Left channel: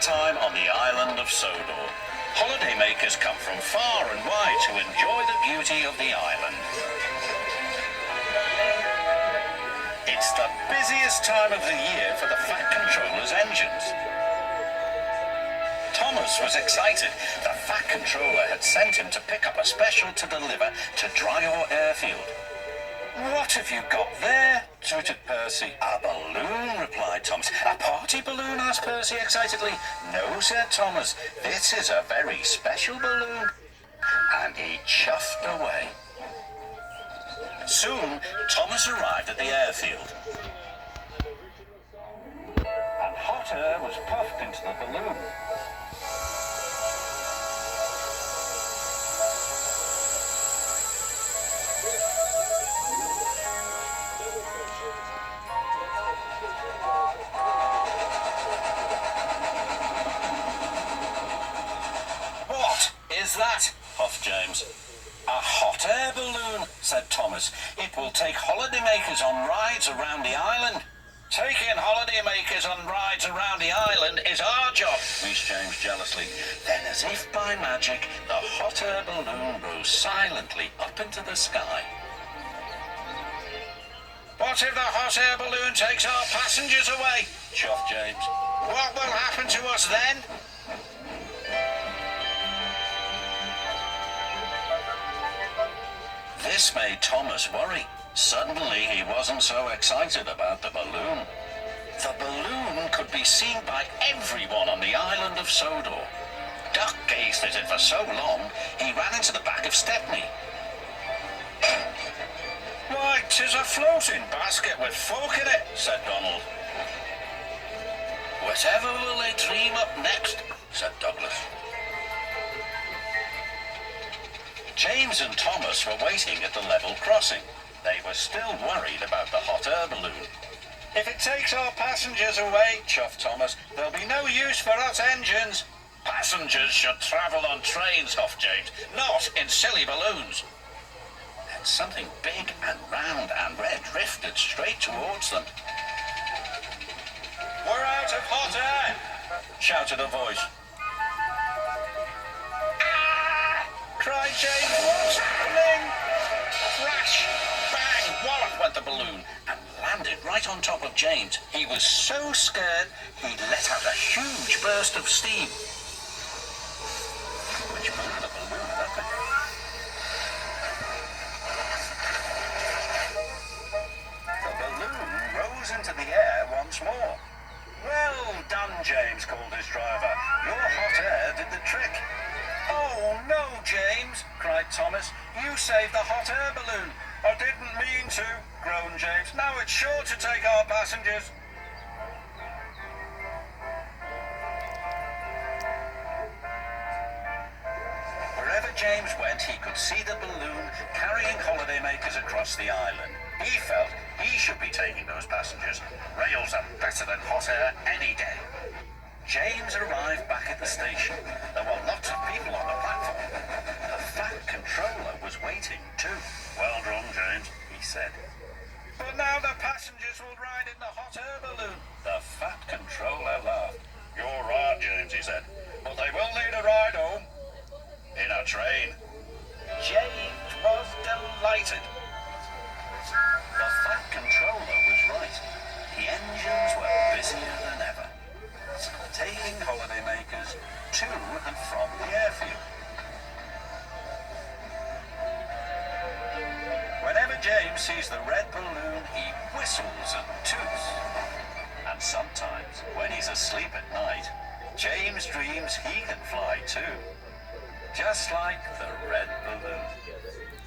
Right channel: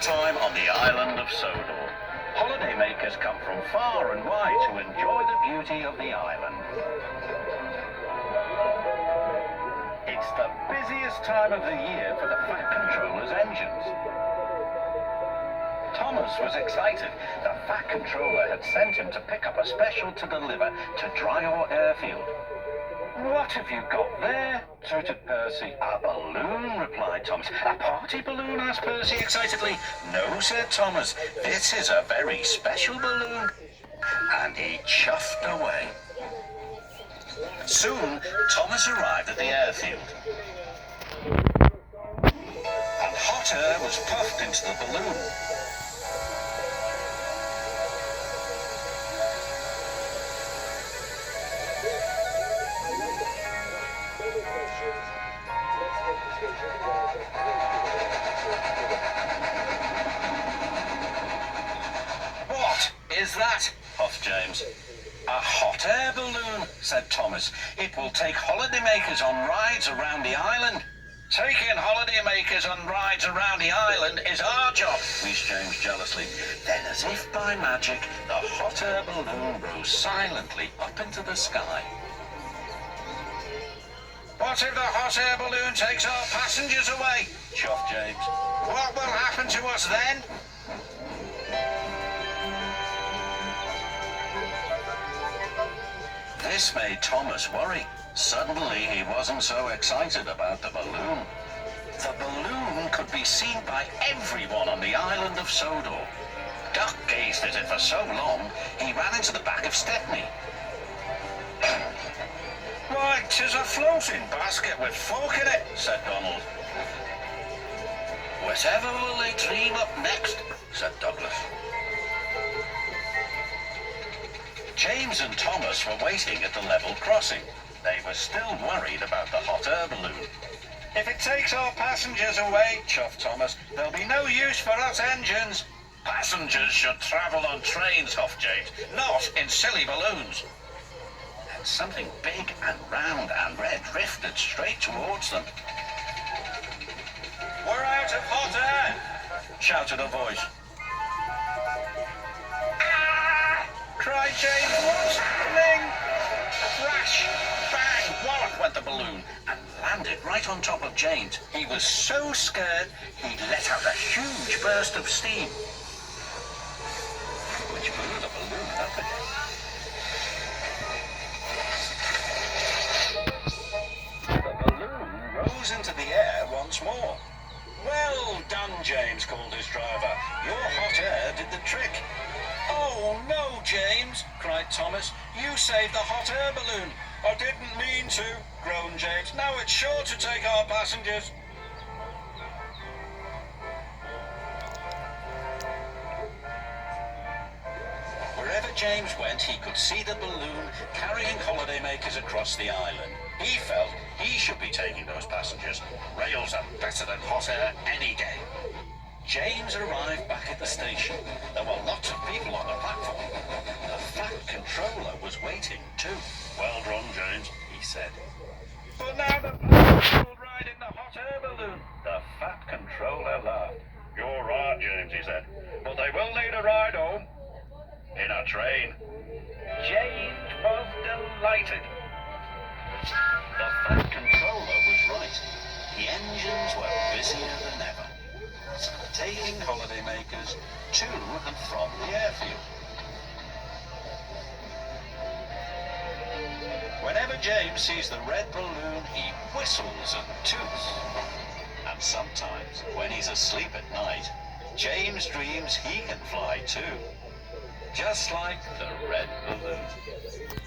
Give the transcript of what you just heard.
time on the island of Sodor. Holidaymakers come from far and wide to enjoy the beauty of the island. It's the busiest time of the year for the Fat Controller's engines. Thomas was excited. The Fat Controller had sent him to pick up a special to deliver to Dryor Airfield. "What have you got there?" tooted Percy. "A balloon," replied Thomas. "A party balloon?" asked Percy excitedly. "No," said Thomas. "This is a very special balloon." And he chuffed away. Soon, Thomas arrived at the airfield. And hot air was puffed into the balloon. "What is that?" puffed James. "A hot air balloon," said Thomas. "It will take holidaymakers on rides around the island." "Taking holidaymakers on rides around the island is our job," wheezed James jealously. Then, as if by magic, the hot air balloon rose silently up into the sky. "What if the hot air balloon takes our passengers away?" chuffed James. "What will happen to us then?" This made Thomas worry. Suddenly, he wasn't so excited about the balloon. The balloon could be seen by everyone on the island of Sodor. Duck gazed at it for so long, he ran into the back of Stepney. "Why, 'tis a floating basket with folk in it," said Donald. "Whatever will they dream up next?" said Douglas. James and Thomas were waiting at the level crossing. They were still worried about the hot air balloon. "If it takes our passengers away," chuffed Thomas, "there'll be no use for us engines." "Passengers should travel on trains," huffed James, "not in silly balloons." And something big and round and red drifted straight towards them. "We're out of hot air!" shouted a voice. Cried James. "What's happening?" Crash! Bang! Wallop went the balloon and landed right on top of James. He was so scared he let out a huge burst of steam, which blew the balloon up again. The balloon rose into the air once more. "Well done, James," called his driver. "Your hot air did the trick." "Oh, no, James," cried Thomas. "You saved the hot air balloon." "I didn't mean to," groaned James. "Now it's sure to take our passengers." Wherever James went, he could see the balloon carrying holidaymakers across the island. He felt he should be taking those passengers. Rails are better than hot air any day. James arrived back at the station. There were lots of people on the platform. The Fat Controller was waiting too. "Well done, James," he said. "But now the passengers will ride in the hot air balloon." The Fat Controller laughed. "You're right, James," he said, "but they will need a ride home in a train." James was delighted. The Fat Controller was right. The engines were busier than ever, taking holidaymakers to and from the airfield. Whenever James sees the red balloon, he whistles and toots. And sometimes, when he's asleep at night, James dreams he can fly too, just like the red balloon.